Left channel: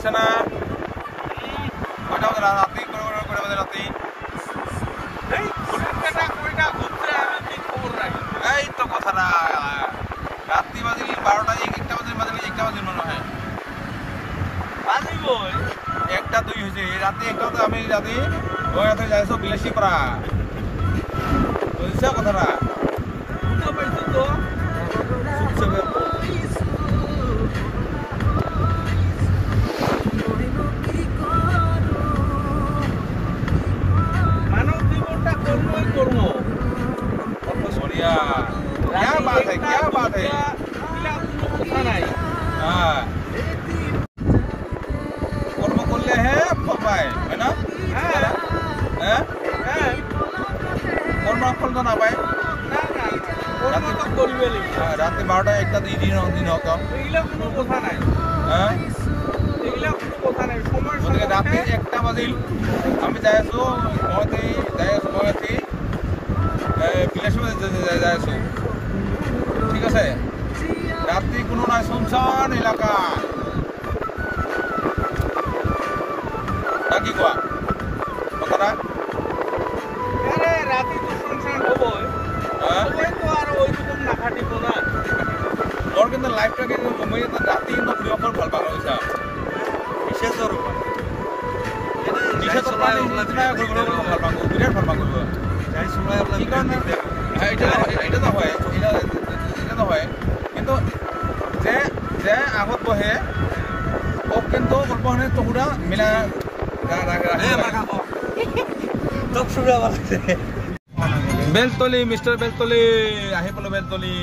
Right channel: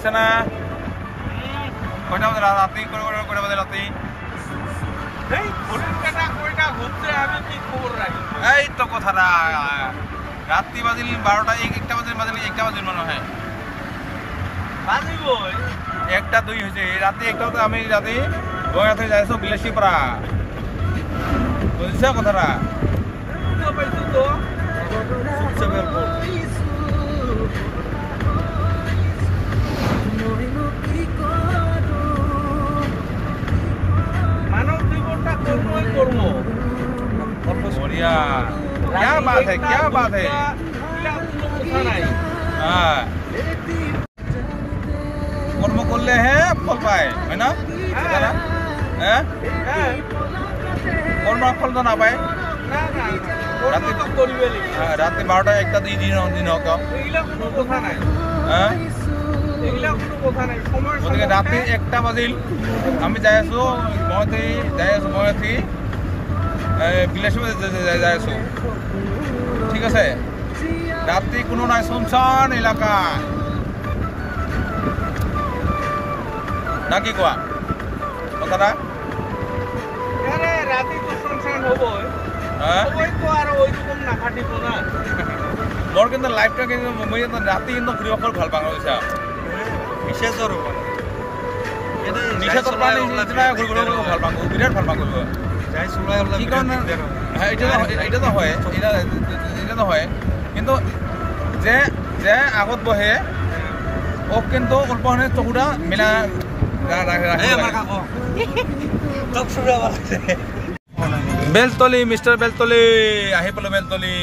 আছে না কয়টা বাজে রাতে কয়টা বাজে রাতে এই তো কথাটা রাত্রি বাজিল 12টা 1টা বাজিল মনে হয় 1টা 2 হয়েছে রাতে 1টা তো আমি রাতে বয়া থেকে যাইছো বিলাসীপাড়া বুঝছো কথাটা बढ़िया क्या बात है हाँ कर्म कर ले हैं फल पाए है ना कर्म फल तो ना पाए रात 12टा 1टा 2 दिन होगा গতিকে রাতে 1টা বাজিল আমি যাই আছো মইতে বিলাসীপাড়া যাই আছো ঠিক আছে রাতে কোনো নাই শুনছান এলাকা নাকি কোয়া কথাটা মোর কিন্তু লাইফটাকে মই রাতে কিন্তু ঘুরি অকল ভাল পাওঁ গৈছা নিশাচৰ প্ৰাণী নিচিনা ঘূৰিব ভাল পাওঁ বিৰাট ভাল পাওঁ কৰিব এটা নহয় কিন্তু যে আগত বহে ওক কিন্তু অল্পখানি চকুটা মিলা বেলতলি মিষ্টাৰ বেলতলি আহি পালো বেলতলি